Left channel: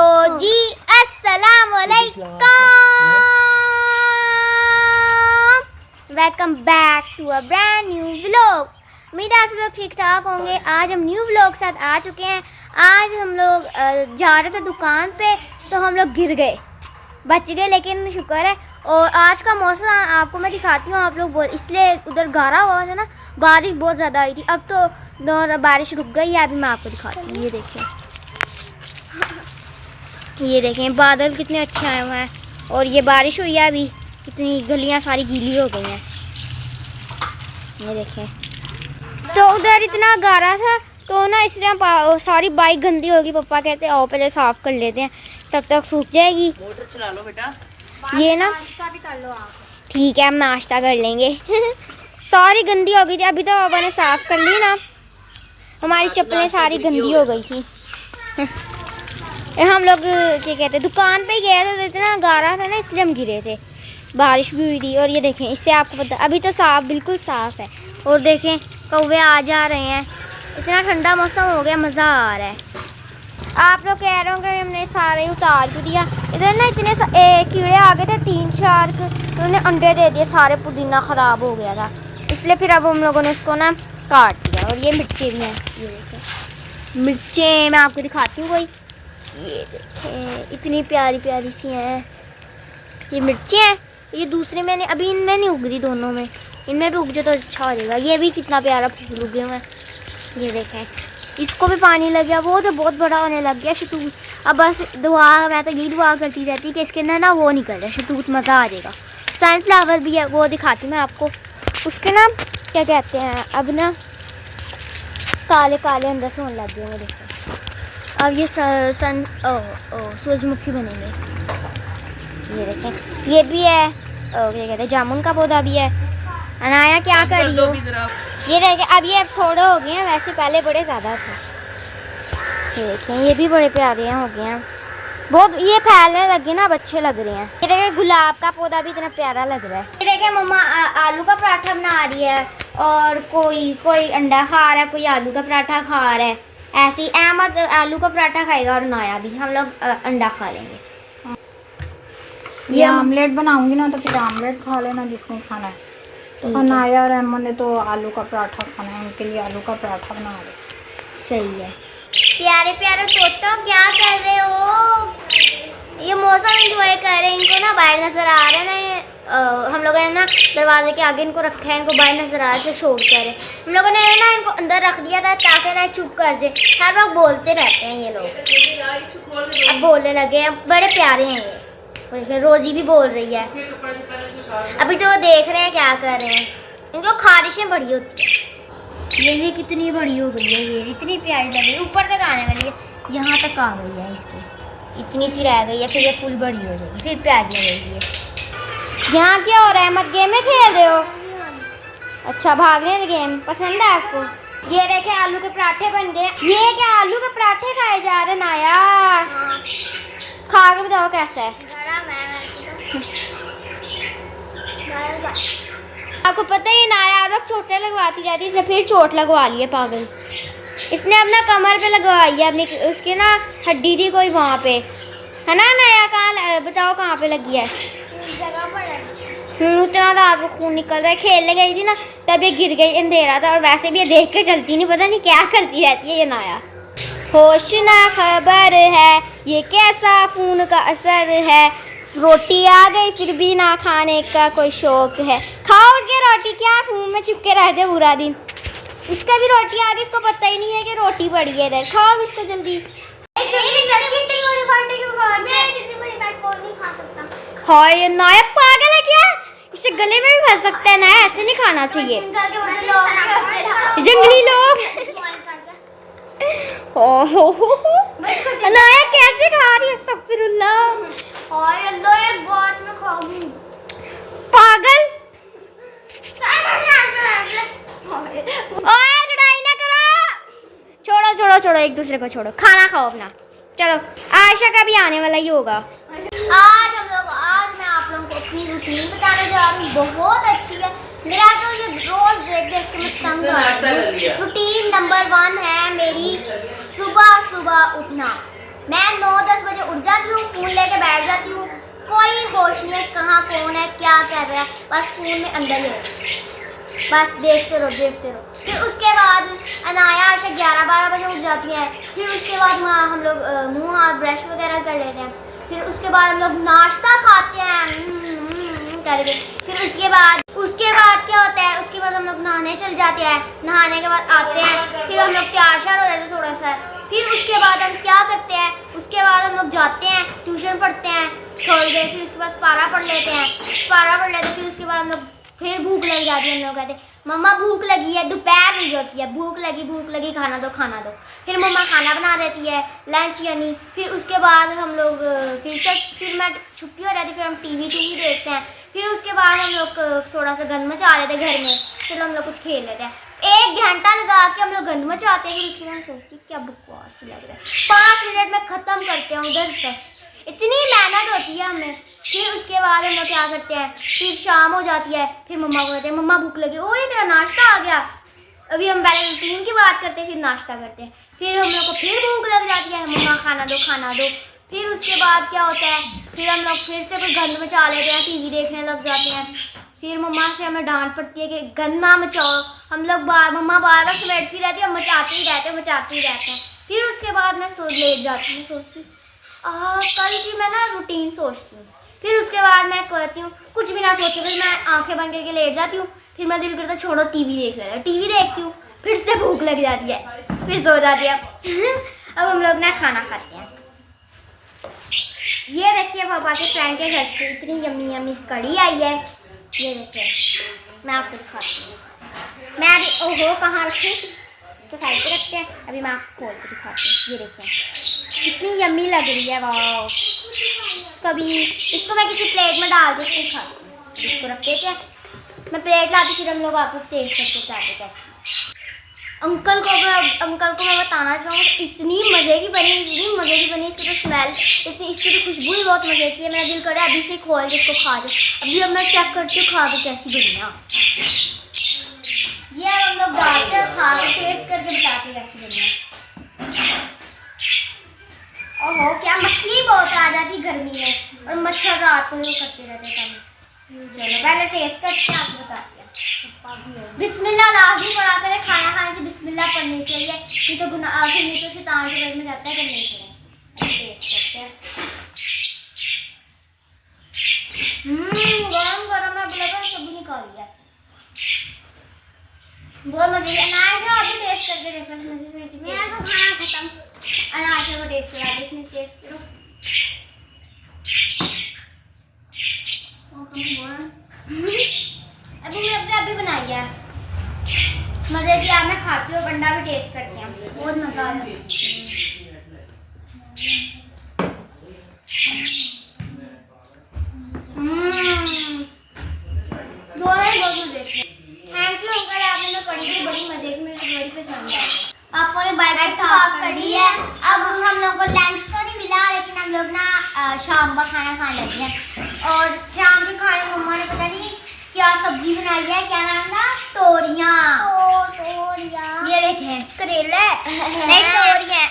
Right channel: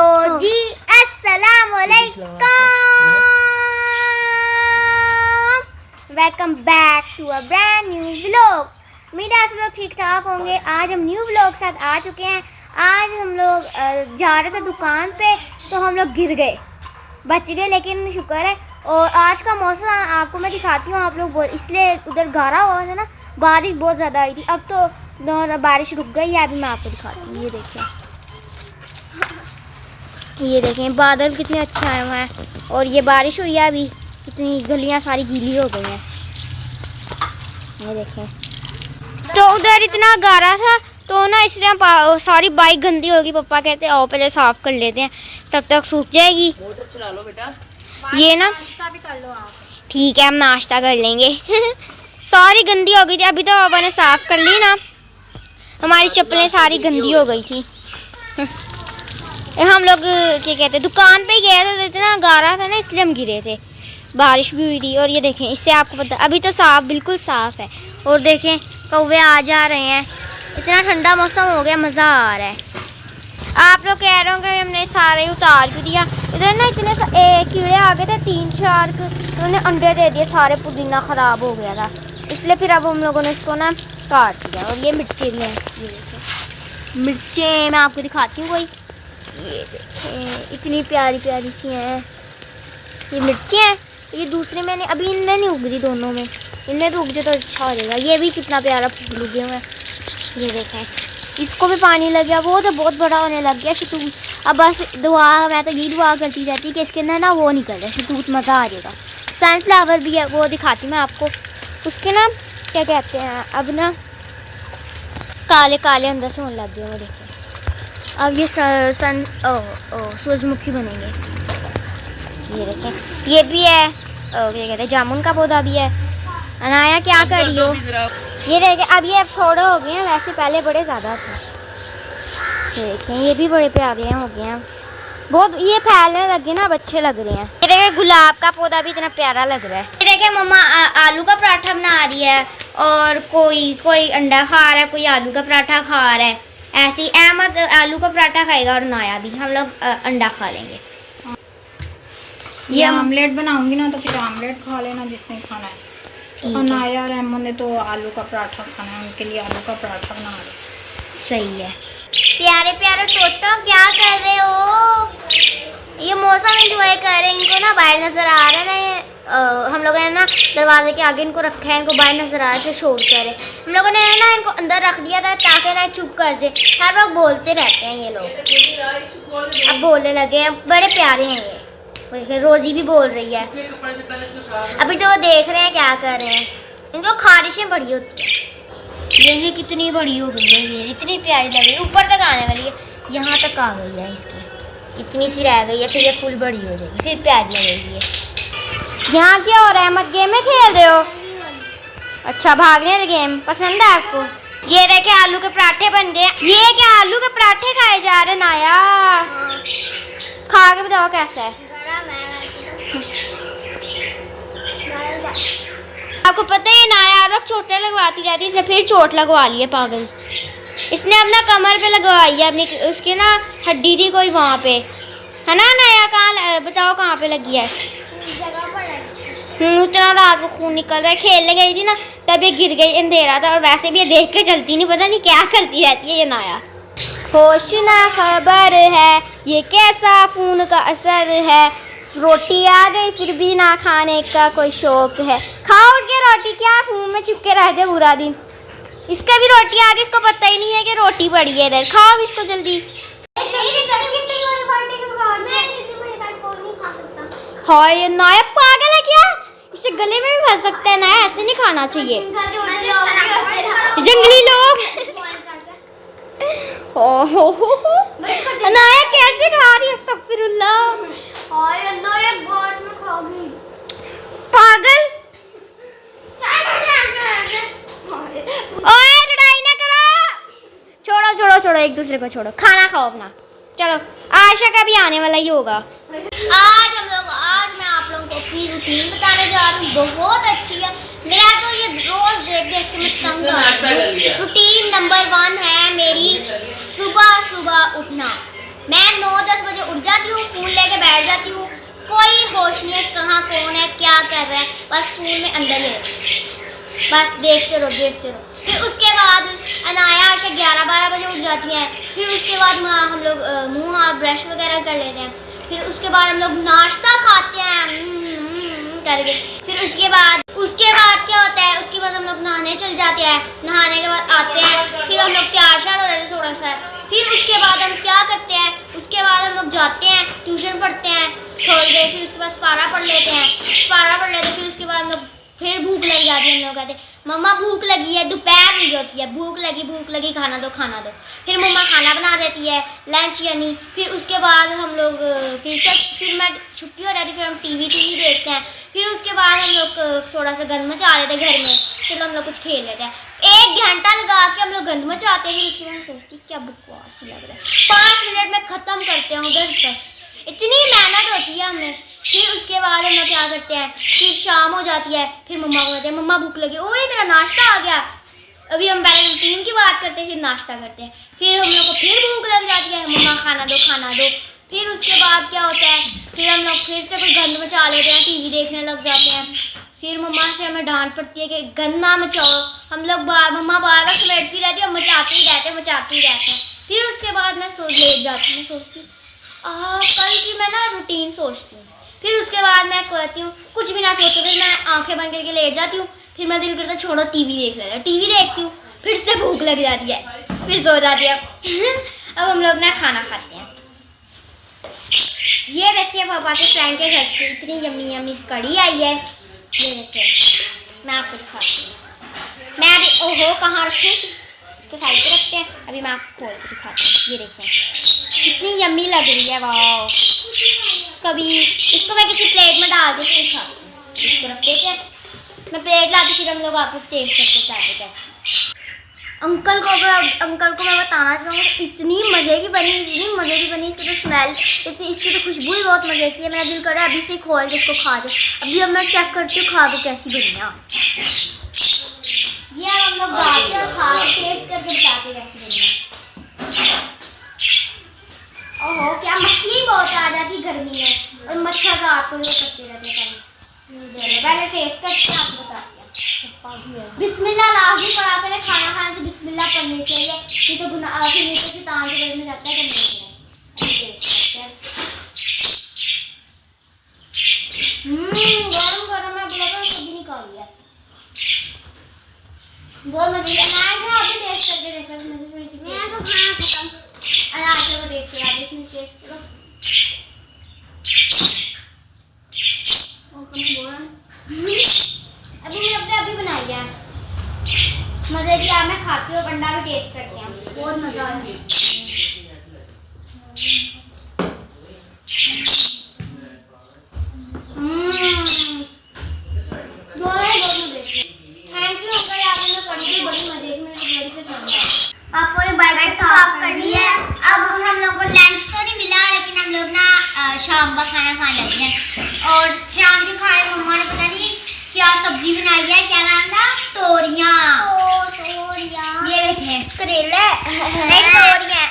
तो जी अस्सलाम वालेकुम, welcome back to a brand new vlog. उम्मीद है आप लोग ठीक ठाक होंगे। आज हम न्यू व्लॉग साथ आ चुके हैं। आज हम लोग जा रहे थे दुकान पे, तो हम लोग गिर गए, बच गए, लेकिन शुक्र है। और आज का मौसम आपको मैं दिखाती हूँ। आप लोग बोल इसलिए उधर गारा हुआ था ना, बारिश बहुत ज़्यादा आई थी। अब तो बारिश रुक गई है। अभी मैं आपको दिखाती हूँ। ये देखें बादल कितने अच्छे आए हुए हैं, और ये बारिश हुई है। अभी कितनी गलियां सारी गीली हो गई हैं। ये देखें, तो उधर इतना गारा था तो ना इसलिए सारी बाइक गंदी होगी। पापा कहते हैं आओ पहले साफ़ कर लेते हैं, तब तक सूख जाएगी। मोटर चला लो बेटा। ये ना नाश्ता भी कर लो आप। ठीक है, हम नाश्ता कर लेंगे। सारी गंदी हो गई थी। अभी तो पापा ने साफ़ कर ली ना। हमारी चप्पलें सारी गंदी हो गई थी। हम लोग क्या कहते हैं दुकान पे गए थे, तो इतना गारा था ना, इसलिए हम गिरे थे। बारिश भी हुई थी। और ये देखें, इससे आपको पता अभी तो साफ बिल्कुल साफ़ है। और देखें कौवे आ जा रहे हैं। इतना ठंडा मौसम हो गया, मज़ा आ रहा है। आप लोग कह रहे होंगे हमने सारे उतार क्यों दिया। इधर ना इतने कीड़े आ गए थे, 3-4 उन्होंने अंडे दे दिए। सारे पुदीना ख़राब हो गया था, इसलिए फिर अब हम लोगों ने इसको ना काट दिया। और ये मिर्चें भी हैं, ये देखें मिर्चें मैं आपको दिखाती हूँ। कोई ये देखें इतनी प्यारी प्यारी सी हैं ये मिर्चें हैं। ये दूसरे मैंने अभी इनमें नहीं उग रही, दोनों में। इनमें भी उग जाए तो अच्छा हो जाएगा। ये भी कितना प्यारा फूल उगे हुए हैं। ये देखें, इसको भी पानी लग गया। वो तो बहुत बड़ा होने लग गया शतूत। अब बस दुआ, मैं तो यही दुआ करती रहती कि इसके अंदर ना वो निकल जाए शतूत, मज़ा आ जाएगा। सनफ्लावर भी है, वो दिखाती मैं आपको। उसके ना क्या कहते हैं, अब ना काले काले अंदर से होने लग गए। वो देखें, अब ये सूरजमुखी बनेंगे। ये देखें, ये भी है क्या कहते हैं, जामुन का पौधा भी है। अनाया क्या कर रही हो? ये देखें, अब ये थोड़े हो गए हैं, वैसे पहले बड़े ज़्यादा थे। ये देखें, ये भी बड़े प्यारे हैं, हो गए हैं बहुत। ये फैलने लगे ना, अब अच्छे लग रहे हैं। ये देखें, गुलाब का पौधा भी इतना प्यारा लग रहा है। ये देखें, मम्मा आलू का पराठा बना रही है, और कोई अंडा खा रहा है, कोई आलू का पराठा खा रहा है। ऐसी अहमद आलू का पराठा खाएगा, और नाया भी। हम लोग अंडा खा लेंगे। ये आमलेट बनाऊंगी ना, तो फिर आमलेट खा लेना जिसने खाना है। और नाया और अहमद ने तो आलू का पराठा खाना है, उनके लिए आलू का पराठा बना रहे। सही है। प्यारे प्यारे तोतो क्या कर रहे हो? ये मौसम एंजॉय कर रहे हैं। इनको ना बाहर नजर आ रहा है ना, ये हम लोगों ने ना दरवाजे के आगे इनको रखा है। इनको बाहर नजर आ रहा है, शोर कर रहे। हम लोगों ने ना इनको अंदर रख दिया था ताकि ना चुप कर दे। हर वक्त बोलते रहते हैं ये लोग, अब बोलने लगे हैं। बड़े प्यारे हैं ये। रोजी भी बोल रही है। अभी तो वो देख रहे हैं क्या कर रहे हैं। इनको खारिशें बड़ी होती हैं। ये भी कितनी बड़ी हो गई है, ये इतनी प्यारी लग रही है। ऊपर तक आने वाली है, यहाँ तक आ गई है इसकी। इतनी सी रह गई है, फिर ये फुल बड़ी हो जाएगी, फिर प्यारी लगेगी ये। यहाँ क्या हो रहा है? मत गेम में खेल रहे हो? अच्छा, भागने वाले गेम पसंद है आपको? ये देखे आलू के पराठे बन गए। ये क्या आलू के पराठे खाए जा रहे नाया? खा के बताओ कैसा है। आपको पता है नाया हर वक्त चोटें लगवाती रहती है, इसने फिर चोट लगवा ली है पागल। इसने अपना कमर पे लगवाई है अपनी, उसके ना हड्डी थी कोई वहाँ पे, है ना नाया? कहाँ बताओ कहाँ पे लगी है? जगह पर। इतना रात को खून निकल रहा है। खेलने गई थी ना, तब ये गिर गई, अंधेरा था। और वैसे भी ये देख के चलती नहीं, पता नहीं क्या करती रहती है ये नाया। होश ना खबर है ये कैसा खून का असर है। रोटी आ गई फिर भी ना खाने का कोई शौक है। खाओ उठ के रोटी, क्या मुंह में चिपके रहते पूरा दिन। इसका भी रोटी आ गई, इसको पता ही नहीं है कि रोटी पड़ी है इधर। खाओ इसको जल्दी। हाय नाया पागल है क्या? इसे गले में भी फंस सकता है ना, ऐसे नहीं खाना चाहिए। जंगली लोग। ओहो नाया कैसे खा रही है? अस्तगफिरुल्लाह। पागल। ओए लड़ाई ना करो। छोड़ो छोड़ो छोड़ो, एक दूसरे को छोड़ो, खाना खाओ अपना। चलो, आयशा का भी आने वाला ही होगा। आज मैं आप लोगों को अपनी रूटीन बताने जा रही हूँ। बहुत अच्छी है। मेरा तो ये रोज देख देख के मैं तंग आ रही हूँ। रूटीन नंबर 1 है मेरी सुबह सुबह उठना। मैं 9-10 बजे उठ जाती हूँ, फ़ोन लेके बैठ जाती हूँ, कोई होश नहीं है कहाँ कौन है क्या कर रहा है, बस फ़ोन में अंदर ही रहती, बस देखते रहो। फिर उसके बाद अनाया आशा 11-12 बजे उठ जाती हैं। फिर उसके बाद हम लोग मुँह हाथ ब्रश वगैरह कर लेते हैं। फिर उसके बाद हम लोग नाश्ता खाते हैं करके। फिर उसके बाद क्या होता है, उसके बाद हम लोग नहाने चल जाते हैं। नहाने के बाद आते हैं, फिर हम लोग तैयार हो रहे थे थोड़ा सा। फिर उसके बाद हम क्या करते हैं, उसके बाद हम लोग जाते हैं ट्यूशन पढ़ते हैं थोड़ी देर। फिर उसके बाद पारा पढ़ लेते हैं। फिर उसके बाद हम लोग फिर भूख लग जाती है। हम लोग कहते हैं मम्मा भूख लगी है, दोपहर हुई होती है, भूख लगी खाना दो। फिर मम्मा खाना बना देती है, लंच यानी। फिर उसके बाद हम लोग फिर मैं छुट्टी हो जाती, फिर हम टीवी देखते हैं। फिर उसके बाद हम लोग थोड़ा सा गंद मचा लेते हैं घर में, फिर हम लोग कुछ खेल लेते हैं। 1 घंटा लगा के हम लोग गंद मचाते हैं। फिर उसके बाद सोचती क्या बकवास लग रहा है, 5 मिनट में ख़त्म करते हैं उधर, बस इतनी मेहनत होती है हमें। फिर उसके बाद हम लोग क्या करते हैं, फिर शाम हो जाती है। फिर मम्मा को कहते हैं मम्मा भूख लगी, ओए मेरा नाश्ता आ गया। अभी हम पहले रूटीन की बात करते हैं, फिर नाश्ता करते हैं। फिर हम लोग को फिर भूख लग जाती है, मम्मा खाना दो। फिर उसके बाद क्या होता है, फिर हम लोग फिर से कोई गंद मचा लेते हैं, टीवी देखने लग जाते हैं। फिर मम्मा से हमें डांट पड़ती है कि गंद ना मचाओ। हम लोग मम्मा बार बार समेटती रहती है, मचाते ही रहते हैं। फिर उसके बाद मैं लेट जाती हूँ, मैं सोचती कल की मैं ना रूटीन सोचती हूँ। फिर उसके बाद मैं कहती हूँ कुछ भी ना सोचो, फिर मैं आंखें बंद करके लेट जाती हूँ। फिर मैं दिल करता छोड़ो टीवी देख लेते हैं, टीवी देखती हूँ, फिर से भूख लग जाती है, फिर सो जाती है। अब हम लोग ना खाना खाते हैं। ये देखिए पापा के फ्रेंड के घर से इतनी यम्मी कढ़ी आई है, ये देखिए मैं आपको दिखाती हूँ। मैं अभी ओहो कहाँ रखी, इसको साइड पे रखते हैं, अभी मैं आपको खोल के दिखाती हूँ। ये देखिए कितनी यम्मी लग रही है, वाह। कभी इसको मैं किसी प्लेट में डाल के फिर खाती हूँ। इसको रख देते हैं, मैं प्लेट लाती, फिर हम लोग आपको टेस्ट करके चाहते कैसे। अंकल को मैं बताना चाहूँगी, इतनी मज़े की बनी, इसकी तो स्मेल इसकी तो खुशबू ही बहुत मज़े की है। मेरा दिल कर रहा है अभी से खोल के इसको खा जाए। अभी अब मैं चेक करती हूँ खा के कैसी बनी है। ये हम लोग डालते हैं, खा के टेस्ट करके बताते कैसी बनी है। ओहो क्या मछली बहुत आ जाती गर्मी में, और मच्छर रात को जो करते रहते हैं। चलो पहले टेस्ट करते हैं, आपको बताते हैं। बिस्मिल्लाह लाजमी पड़ा, पहले खाना खाने से बिस्मिल्लाह पढ़नी चाहिए, नहीं तो गुनाह फिर नीचे से तान के पेट में जाता है। करनी चाहिए। टेस्ट करते हैं। गरम है, बुला सब्जी निकाल लिया, बहुत मजे की। अनाज है, अभी टेस्ट करके देखो इसमें से थोड़ी। मैं तो खाना खत्म, अनाज को टेस्ट करा दे, इसमें टेस्ट करो। अभी बनाई है, मजे की। आप मैं खाती हूँ, अंडा भी टेस्ट करते हैं, बहुत मजा आया। दोनों ही बहुत मजे की। थैंक यू अंकल, आपने कढ़ी भी बड़ी मजे की, मुझे बड़ी पसंद आई। पापा ने बाइक साफ कर ली है। अब हम लोग को लंच तो नहीं मिला, लेकिन हम लोग ना शाम का खाना खा लेते हैं। और शाम के खाने में मम्मा ने पता नहीं क्या सब्जी बनाई है, क्या नाम था, तोरियां। ये देखें करेले नहीं तोरियां।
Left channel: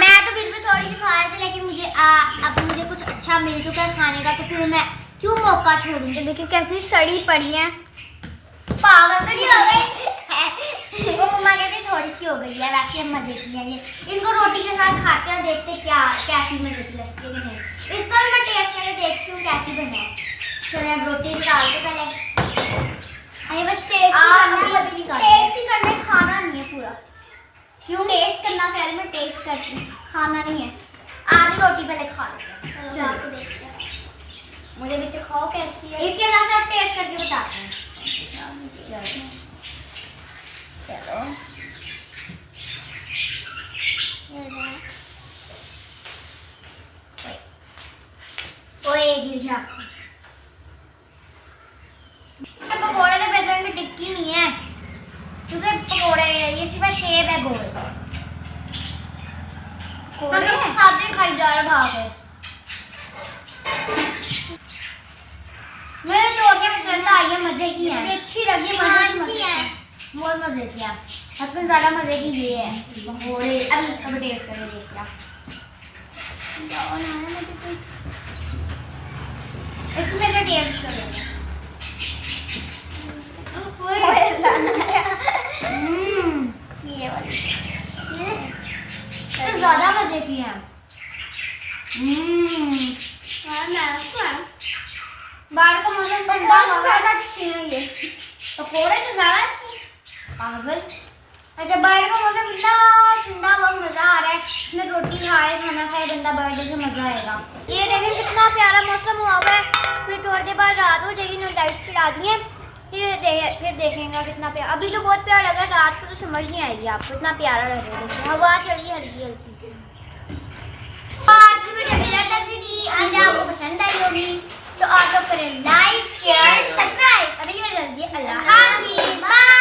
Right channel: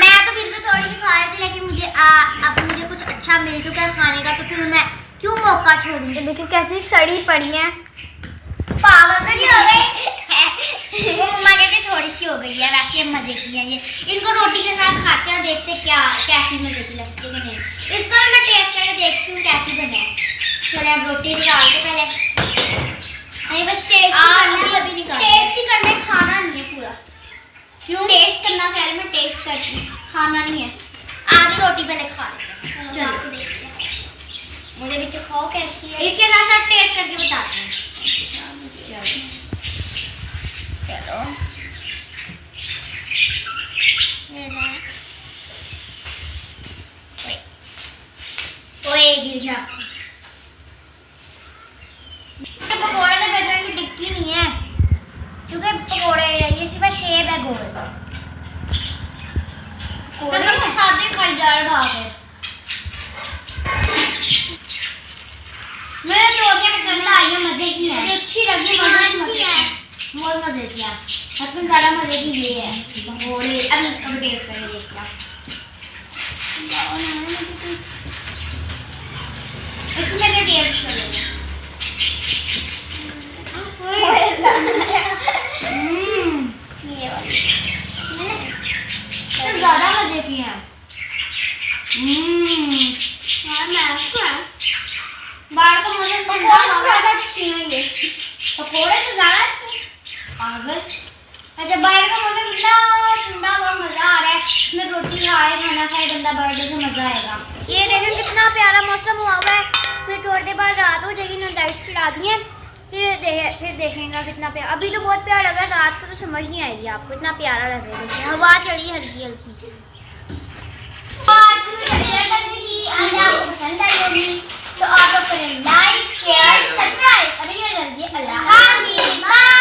मैं तो फिर भी थोड़ी सी खा रही थी, लेकिन मुझे अब मुझे कुछ अच्छा मिल चुका है खाने का, तो फिर मैं क्यों मौका छोड़ूंगी। देखिए कैसी सड़ी पड़ी है, पागल तो नहीं हो गई। वो मम्मा कहते थोड़ी सी हो गई है, वैसे मजे की है ये। इनको रोटी के साथ खाते हैं, देखते क्या कैसी मजे की लगती है कि नहीं। इसका भी मैं टेस्ट करके देखती हूँ कैसी बने है। चलिए अब रोटी निकाल के पहले, अरे बस टेस्ट अभी निकाल, टेस्ट ही करना है, खाना नहीं है पूरा। क्यों टेस्ट करना, पहले मैं टेस्ट करती हूँ, खाना नहीं है। आधी रोटी पहले खा लेते हैं, चलो आपको देखते हैं मुझे भी चखाओ कैसी है। इसके साथ साथ टेस्ट करके बताते हैं। चलो ओए गिर जा। पकौड़े तो बेसन की टिक्की नहीं है, क्योंकि पकौड़े ये सिर्फ शेप है गोल। मतलब सादे खाई जा रहे भाग है। मेरे तोरियां पसंद आई है, मजे की है, अच्छी लगी, मजे है, बहुत मजे की है। सबसे ज्यादा मजे की ये है पकौड़े। अब इसका भी टेस्ट करके देखते हैं। इसमें तो टेस्ट करेंगे। ये वाली तो ज़्यादा मजे की है। बाहर का मौसम ठंडा ज़्यादा अच्छी है ये पकौड़े तो ज़्यादा पागल। अच्छा बाहर का मौसम ठंडा ठंडा बहुत मज़ा आ रहा है। इसमें रोटी खाए खाना खाए बंदा बर्थडे से मज़ा आएगा। ये देखें कितना प्यारा मौसम हुआ हुआ है। फिर थोड़ी देर बाद रात हो जाएगी ना लाइट चढ़ा दी है फिर देखेंगे कितना प्यारा। अभी तो बहुत प्यारा लगा रात को तो समझ नहीं आएगी आपको इतना प्यारा लगेगा। देखिए हवा चली हल्की हल्की। आज की वीडियो आपको पसंद आई होगी तो आप लोग करें लाइक शेयर सब्सक्राइब। अभी जल्दी अल्लाह हाफिज़।